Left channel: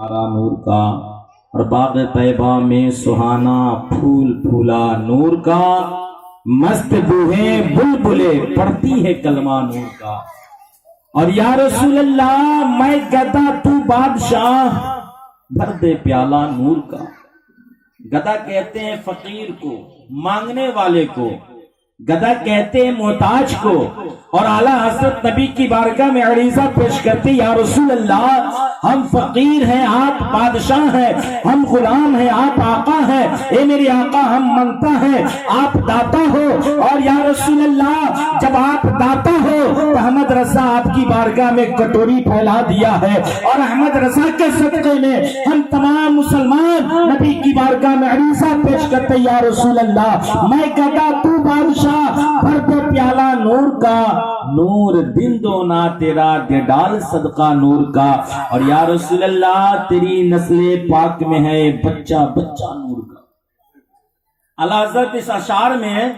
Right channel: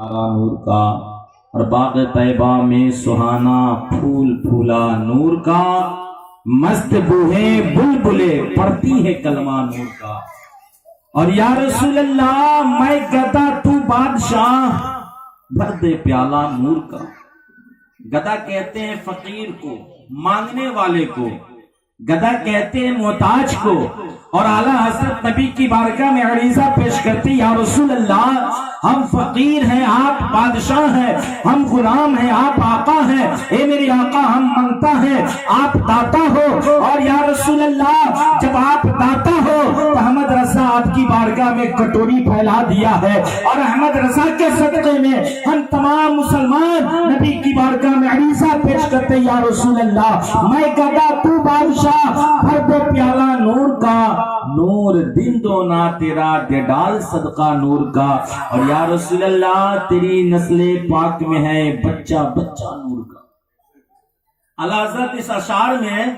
نور کا اور باغ طیبہ میں سہانا پھول پھولا نور کا، مست بوہے بلبلے پڑھتی ہے کلمہ نور کا۔ اور یا رسول اللہ میں گدا تو بادشاہ، بھر دے پیالہ نور کا۔ گدا کہتے ہیں فقیر کو، مانگنے والے کو، گدا کہتے ہیں محتاج کو۔ اور اعلیٰ حضرت نبی کی بارگاہ میں عریضہ پیش کرتے، یا رسول اللہ ہم فقیر ہیں آپ بادشاہ ہیں، ہم غلام ہیں آپ آقا ہیں، اے میرے آقا ہم منگتا ہیں آپ داتا ہو۔ اور یا رسول اللہ جب آپ داتا ہو تو احمد رضا آپ کی بارگاہ میں کٹوری پھیلا دیا ہے، اور احمد رضا کے صدقے میں ہم تمام مسلمان نبی کی بارگاہ میں عریضہ پیش کرتے، یا رسول اللہ میں گدا تو بادشاہ، بھر دے پیالہ نور کا، نور دن دو نہ تیرا دے ڈال صدقہ نور کا۔ اور یا رسول اللہ تیری نسل پاک میں ہے بچہ بچہ نور کا۔ اعلیٰ حضرت اس اشعار میں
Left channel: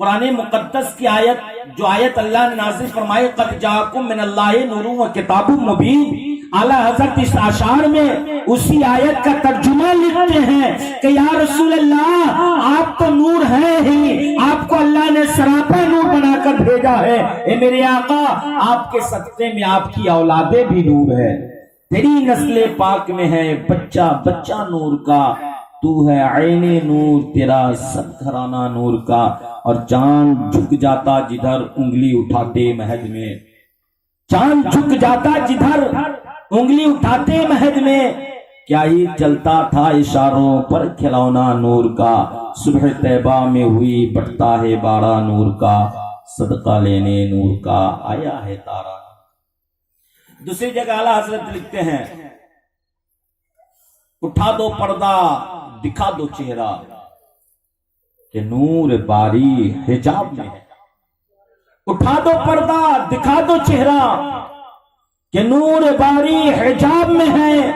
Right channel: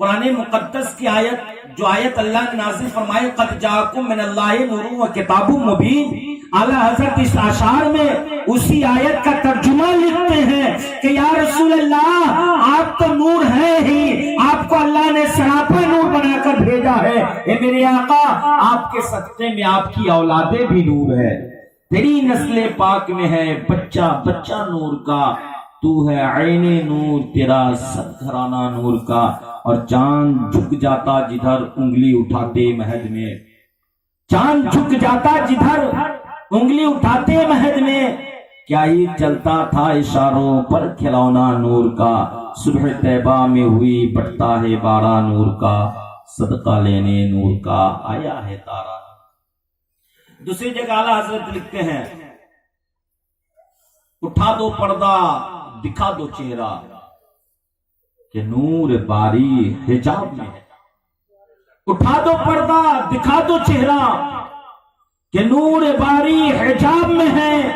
قرآن مقدس کی آیت، جو آیت اللہ نے نازل فرمائے قد جاءکم من اللہ نور و کتاب مبین، اعلیٰ حضرت اس اشعار میں اسی آیت کا ترجمہ لکھتے ہیں کہ یا رسول اللہ آپ تو نور ہیں ہی، آپ کو اللہ نے سراپا نور بنا کر بھیجا ہے، اے میرے آقا آپ کے صدقے میں آپ کی اولادیں بھی نور ہے، تیری نسل پاک میں ہے بچہ بچہ نور کا، تو ہے عین نور تیرا سد گھرانہ نور کا۔ اور چاند جھک جاتا جدھر انگلی اٹھاتے مہد میں، چاند جھک جاتا جدھر انگلی اٹھاتے مہد میں، کیا ہی چلتا تھا اشاروں پر کھلونا نور کا، صبح طیبہ میں ہوئی بٹتا ہے بارہ نور کا، صدقہ لینے نور کا آیا ہے تارا۔ دوسری جگہ اعلیٰ حضرت لکھتے ہیں اٹھا دو پردہ دکھا دو چہرہ کہ نور باری حجاب میں ہے، اٹھا دو پردہ دکھا دو چہرہ کہ نور باری حجاب میں ہے۔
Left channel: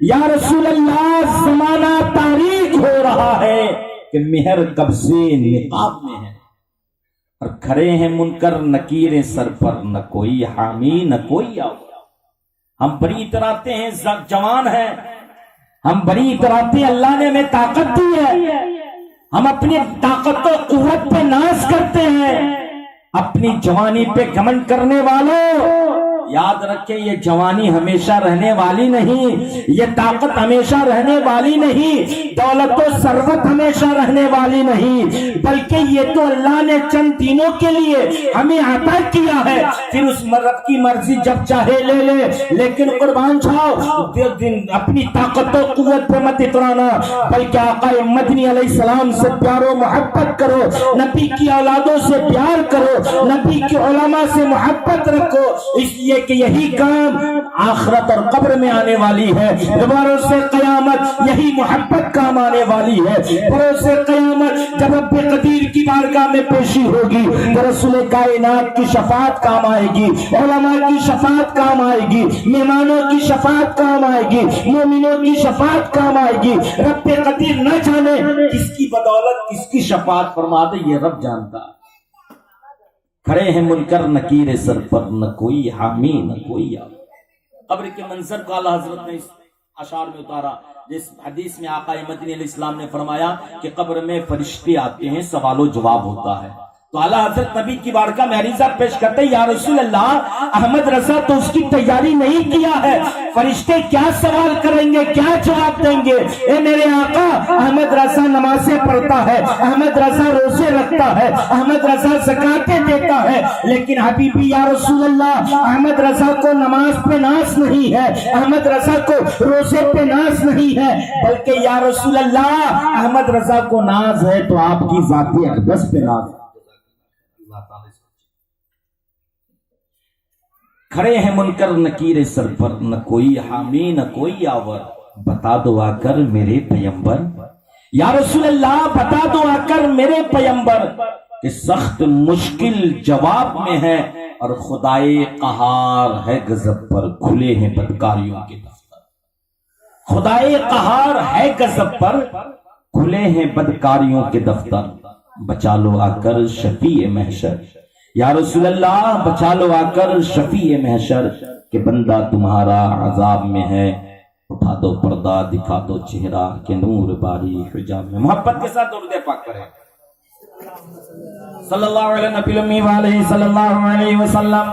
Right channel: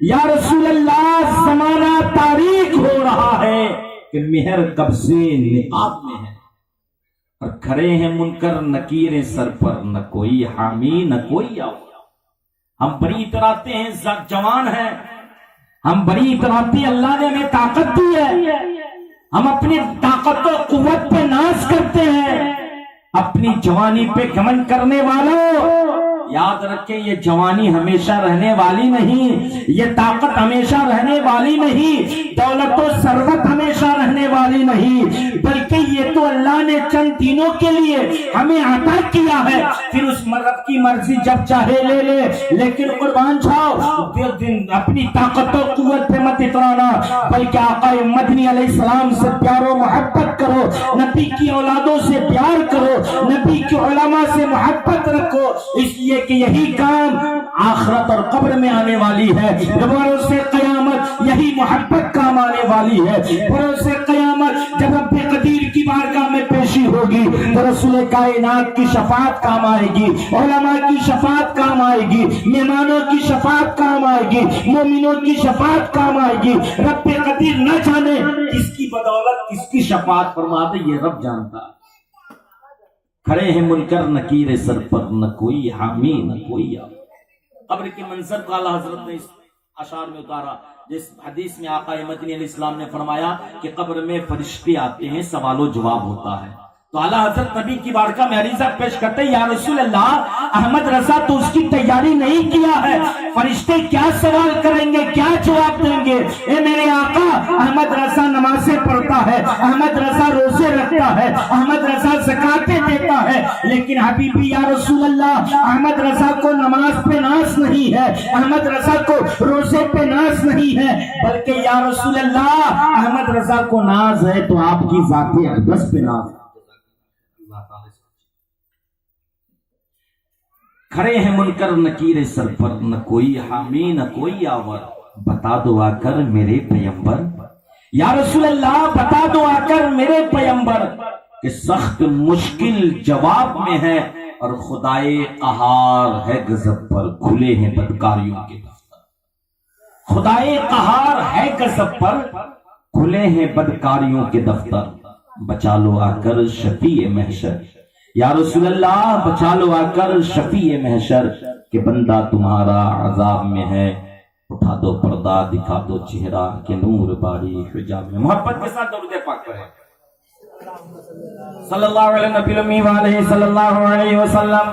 یا رسول اللہ زمانہ تاریک ہو رہا ہے کہ مہر کب سے نقاب میں ہے، اور کھڑے ہیں منکر نکیر سر پر، نہ کوئی حامی نہ کوئی آؤ۔ ہم بڑی اتراتے ہیں جوان ہیں، ہم بڑی اتراتے ہیں اللہ نے ہمیں طاقت دی ہے، ہم اپنی طاقت و قوت پہ ناز کرتے ہیں، اپنی جوانی پہ گھمنڈ کرنے والوں یاد رکھیں یہ جوانی ہمیشہ رہنے والی نہیں، یہ طاقت ہمیشہ رہنے والی نہیں، دولت و ثروت ہمیشہ رہنے والی نہیں، بلکہ یہ تو اللہ نے چند دنوں کے لیے ہمیں عطا کیا ہے، پھر اس رب کی مرضی جب چاہے لے لے۔ لیکن قربان جاؤ اپنی طاقت و قوت پہ مت اترانا، بلکہ آقا مدنی علیہ السلام سے پیار و محبت کرو، نبی کی اولادوں سے پیار کرو، نبی کی علماء سے محبت رکھو، اس لیے کہ یہی کام آخرت اور قبر میں آنے والی ہے، دوبارہ سے قیامت یہی محبت کام آنے والی ہے، بروز سے قیامت جب رب قدیر کی بارگاہ میں پیشی ہوگی تو رسول کائنات کی شفاعت کام آئے گی، علماء کی شفاعت کام آئے گی، مہمانوں کی شفاعت کام آئے گی، مومنوں کی شفاعت کام آئے گی۔ رب قدیر نہ جانے کس کی بدولت کس کی شفاعت فرما دے، یہ رب جانتا۔ کھڑے ہیں منکر نکیر سر پر، نہ کوئی حامی نہ کوئی آؤ۔ قبر کے منظر کو اعلیٰ حضرت نے اس اشعار میں اتارا، جس حدیث میں آقا مدنی علیہ السلام نے فرمایا کہ قبر میں فرشتے آتے ہیں، سوال و جواب ہوتا ہے، تو اعلیٰ حضرت نبی کی بارگاہ میں عریضہ پیش کرتے، یا رسول اللہ احمد رضا تو اس کی تیاری نہیں کیا ہے، فرشتے کیا سوال کریں گے، کیا جواب دیں گے؟ اے میرے آقا احمد رضا نمازیں پڑھتا ہے، احمد رضا روزے رکھتا ہے، احمد رضا زکاتیں دیتا ہے، لیکن حبیبی یا رسول اللہ احمد رضا کو نماز پہ ناز نہیں ہے، احمد رضا کو روزے پہ ناز نہیں ہے، بلکہ یا رسول اللہ احمد رضا کو ناز ہے تو آپ کی ذات اقدس پہ ناز ہے۔ کھڑے ہیں منکر نکیر سر پر، نہ کوئی حامی نہ کوئی آور، بتا دو آ کر میرے پیمبر، یا رسول اللہ بتا دو آ کر میرے پیمبر کہ سخت مشکل جواب میں ہے، اور خدائے قہار ہے غضب پر، کھلے ہیں بدکاریوں کے دفتر، خدائے قہار ہے غضب پر، کھلے ہیں بدکاریوں کے دفتر، بچا لو آ کر شفیع محشر، یا رسول اللہ بچا لو آ کر شفیع محشر کہ بندہ تمہارا عذاب میں ہے، اٹھا دو پردہ دکھا دو چہرہ کہ نور باری حجاب میں. محبت کے ساتھ درود پاک پڑھیں. صلی اللہ علیہ نبی الامی وآلہ صلی اللہ علیہ وسلم.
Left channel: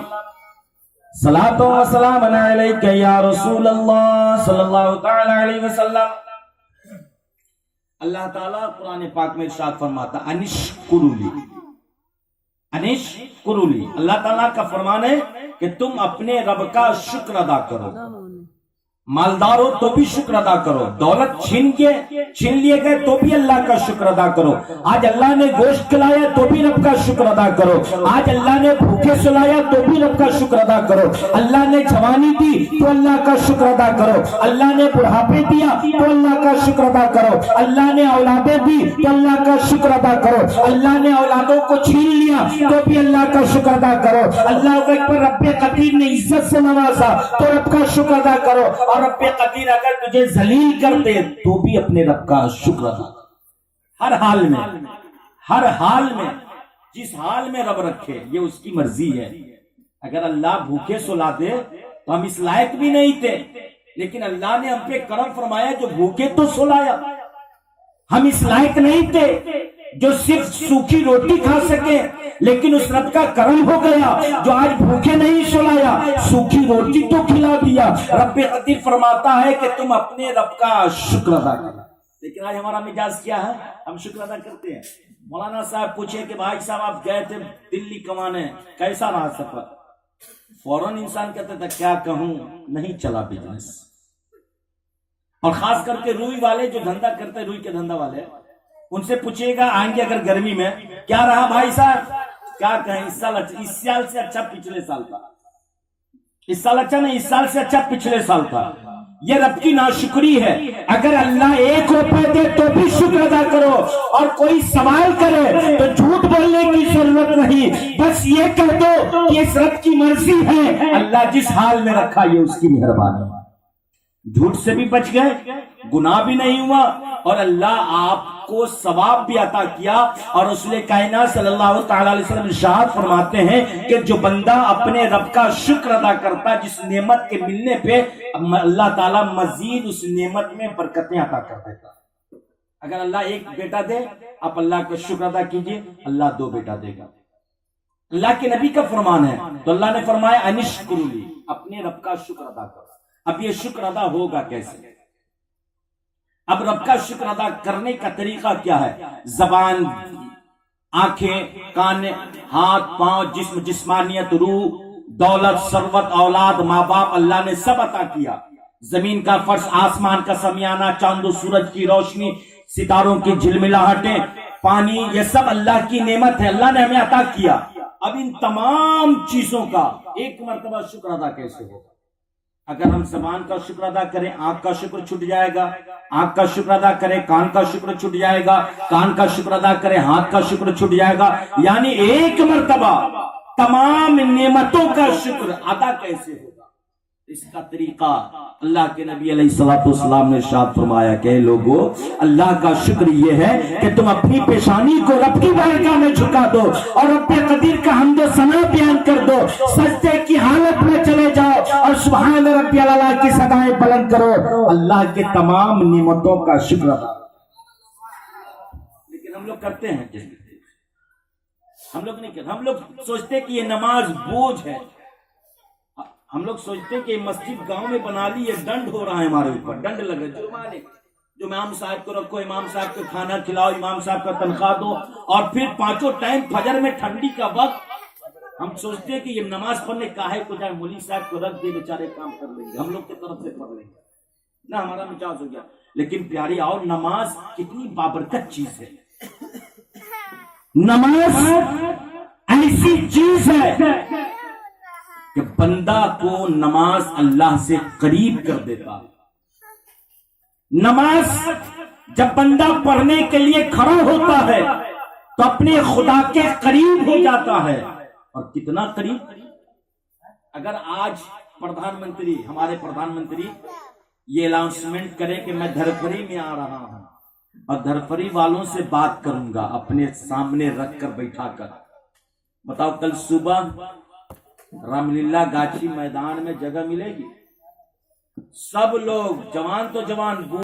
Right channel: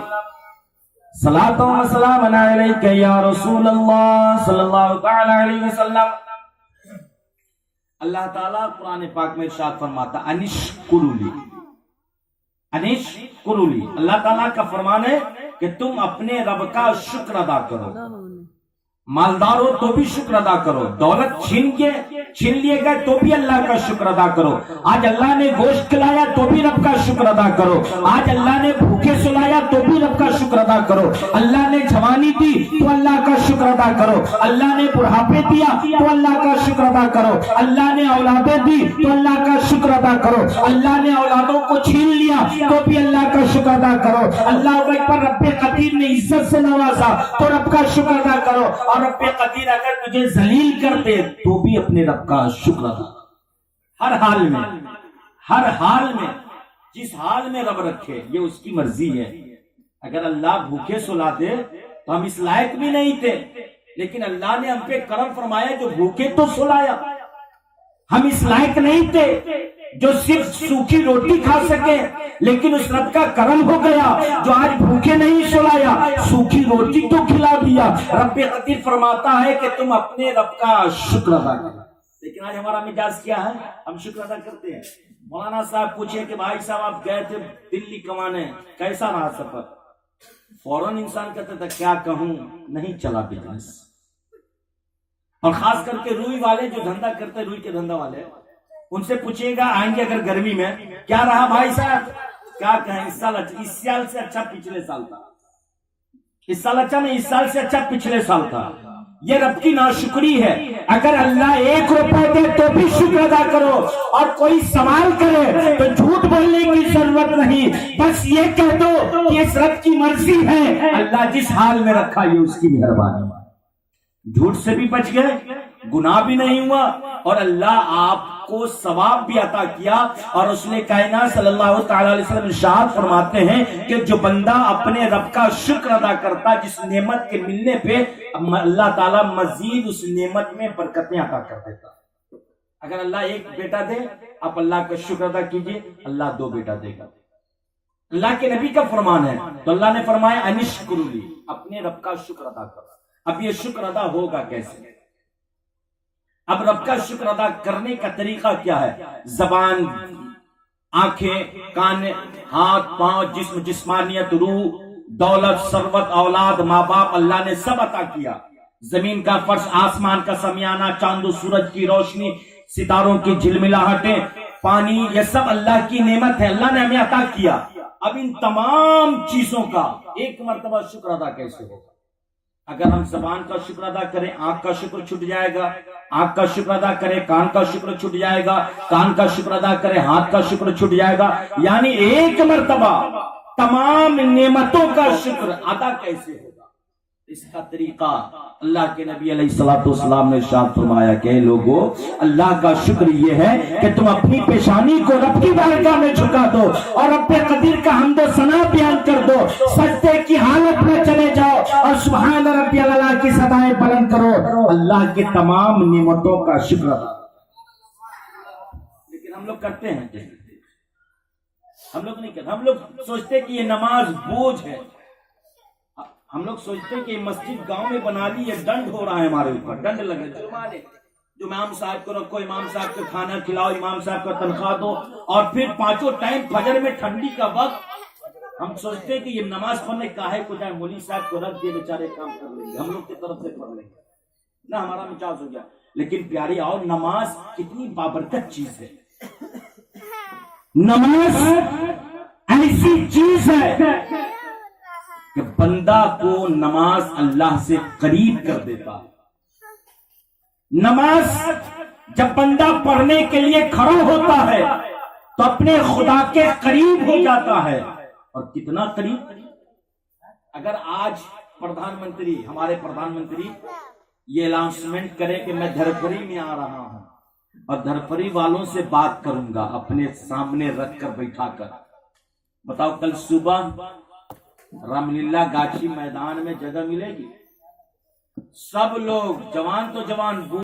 صلاۃ و سلام علیک یا رسول اللہ صلی اللہ تعالی علیہ وسلم. اللہ تعالیٰ قرآن پاک میں ارشاد فرماتا انشکرلی، انشکرلی. اللہ تعالیٰ کا فرمان ہے کہ تم اپنے رب کا شکر ادا کرو. مالدار ہو تو بھی شکر ادا کرو، دولت چھین لیے گئے تو بھی اللہ کا شکر ادا کرو. آج اللہ نے گوشت کھلایا تو بھی رب کا شکر ادا کرو. آج اللہ نے بھوکے سلایا تو بھی رب کا شکر ادا کرو. اللہ نے جوانی دی تو اللہ کا شکر ادا کرو. اللہ نے بڑھاپے دیا تو اللہ کا شکر ادا کرو. اللہ نے اولادیں دی تو اللہ کا شکر ادا کرو. اللہ نے اولادوں کو چھین لیا تو بھی اللہ کا شکر ادا کرو. اللہ پر رب قدیر نے عزت سے نوازا تو رب کا شکر ادا کرو. اور رب قدیر اگر تجھے ذلیل کر دے تو بھی اپنے رب کا شکر ادا کرو. ہر حال میں، ہر حال میں، جس حال میں رب رکھے یہ اس کی مرضی ہے. اگر اللہ بھوکے سلا دے تو ہم اس لائق بھی نہیں تھے، لیکن اللہ نے ہم پہ کرم فرمایا جو بھوکے تو سلایا. ہم اس لائق نہیں تھے جو صرف سوکھی روٹی کھا سکے، لیکن اس رب کا کرم ہو گیا جو آج بھوکے نہیں سلایا، سوکھی روٹی تو کھلا دیا. رب قدیر فرماتا ہے کہ تم اپنے رب کا شکر ادا کرو. لیکن آج ہمارا مزاج کیا ہے؟ ہم شکر ادا کرتے ہیں. مولانا صاحب پوچھے کہ بھائی صاحب آپ گئے تھے دلی کمانے، کیسا رہا سفر؟ فوراً انسان کہتا تھا کیا کہوں، نہیں چلا بزنس. اور خاص کر کے روئی والے جو دھندا کرتے، روئی کے دھندا والے، ان سے پوچھئے گا آئیں گے اگر گرمی میں کیا رہا بھائی صاحب؟ کیا کہیں اس سال سے اچھا پچھلے سال تھا. اس سال اچھا نہیں، اس سال سے اچھا پچھلے سال تھا. یہ رب کی ناشکری ہے. اگر اللہ 1 روپے دے تو بھی شکر ادا کرو، اور کوئی سوال کرے تو جھوٹ بولنے کی ضرورت نہیں، بس یہ کہہ دو کہ اس رب کی مرضی ہے. اللہ جس حال میں رکھا یہ اس کی مہربانی. جھوٹ سے بھی بچ گئے، گناہ بھی نہیں ہوا، اور اللہ آپ کو ثواب بھی عطا کیا. اور رسول کائنات صلی اللہ تعالی علیہ وسلم ارشاد فرماتے ہیں کہ جو بندہ اپنے رب کا شکر ادا کرتا جس نعمت کے ملنے پہ اللہ تعالیٰ مزید اس نعمت میں برکتیں عطا کر دیتا. اگر اللہ 1 بیٹا دے آپ اللہ کا شکر ادا کیجئے، اللہ 2 بیٹا دے گا. اللہ کے نبی کا فرمان ہے تو اللہ نے فرمایا انشکرلی، اپنے رب کا شکر ادا کرو. اب یہ شکر ادا ہوگا کیسے؟ اب رب کا شکر ادا کرنے کا طریقہ کیا ہے؟ زبان، آنکھیں، کان، ہاتھ، پاؤں، جسم، جسمانیت، روح، دولت، ثروت، اولاد، ماں باپ اللہ نے سب عطا کیا. زمین کا فرش، آسمان کا سمیانہ، چاند و سورج کی روشنی، ستاروں کی جھلملاہٹیں، پانی، یہ سب اللہ کی نعمت ہے، اللہ نے ہمیں عطا کیا. اب ان تمام چیزوں کا ایک مرتبہ شکر ادا کیسے ہوگا؟ اگر ہم زبان کا شکر ادا کریں آنکھ کا شکر چھٹ جائے گا، آنکھ کا شکر ادا کریں کان کا شکر چھٹ جائے گا، کان کا شکر ادا کریں ہاتھ کا شکر چھٹ جائے گا. یعنی ایک مرتبہ تمام نعمتوں کا شکر ادا کیسے ہوگا؟ اس کا طریقہ اللہ کے نبی علیہ الصلوۃ والسلام نے ارشاد فرمایا کہ لوگو اللہ کا شکر یہ ہے کہ تم اپنی پیشانی کو رب کی بارگاہ میں جھکا دو اور رب قدیر کا حمد و ثنا بیان کر دو، سجدے کی حالت میں چلے جاؤ اور سبحان ربی الاعلی کی صدائیں بلند کرو، اللہ کے تمام نعمتوں کا شکر ادا. لیکن ہم لوگ کرتے ہیں جیسے ہم لوگ نہیں کرتے. ہم لوگ سوچتے کہ یہ نماز بوجھ ہے، ہم لوگ سوچتے ہیں کہ مسجد گاؤں میں بنا لی، یہ ڈنڈ ہو رہا ہے ہمارے اوپر، ڈنڈ لگے جرمانے، جو امام صاحب کو رکھو، امام صاحب کو کھانا کھلاؤ، امام صاحب کا تنخواہ دو، اور پھر 5 ٹائم فجر میں ٹھنڈی کا وقت ہم سوچتے ہیں کہ یہ نماز پڑھنے کاہے کو جائے، مولوی صاحب کو رکھ دے بیچارے کام کر لیں گے، ہم لوگ کی طرف سے پڑھ لیں گے نہ، ہمارا مزاج ہو گیا. لیکن پیاری اور نماز کتنی بابرکت چیز ہے. نماز ایسی چیز ہے کہ بندہ کو نماز اللہ سے قریب کر دیتا. نماز جب بندہ پڑھنے کے لیے کھڑا ہوتا ہے تو اپنے خدا کے قریب ہو جاتا ہے. اور کتنا قریب؟ اگر آج پردھان منتری، ہمارے پردھان منتری یہ اناؤنسمنٹ کرے کہ میں دھرپری میں آ رہا ہوں اور دھرپری والوں سے بات کروں گا اپنے سامنے رکھ کر بیٹھا کر، بتاؤ کل صبح رام لیلا گاچھی میدان میں جگہ ملے گی؟ سب لوگ، جوان تو جوان،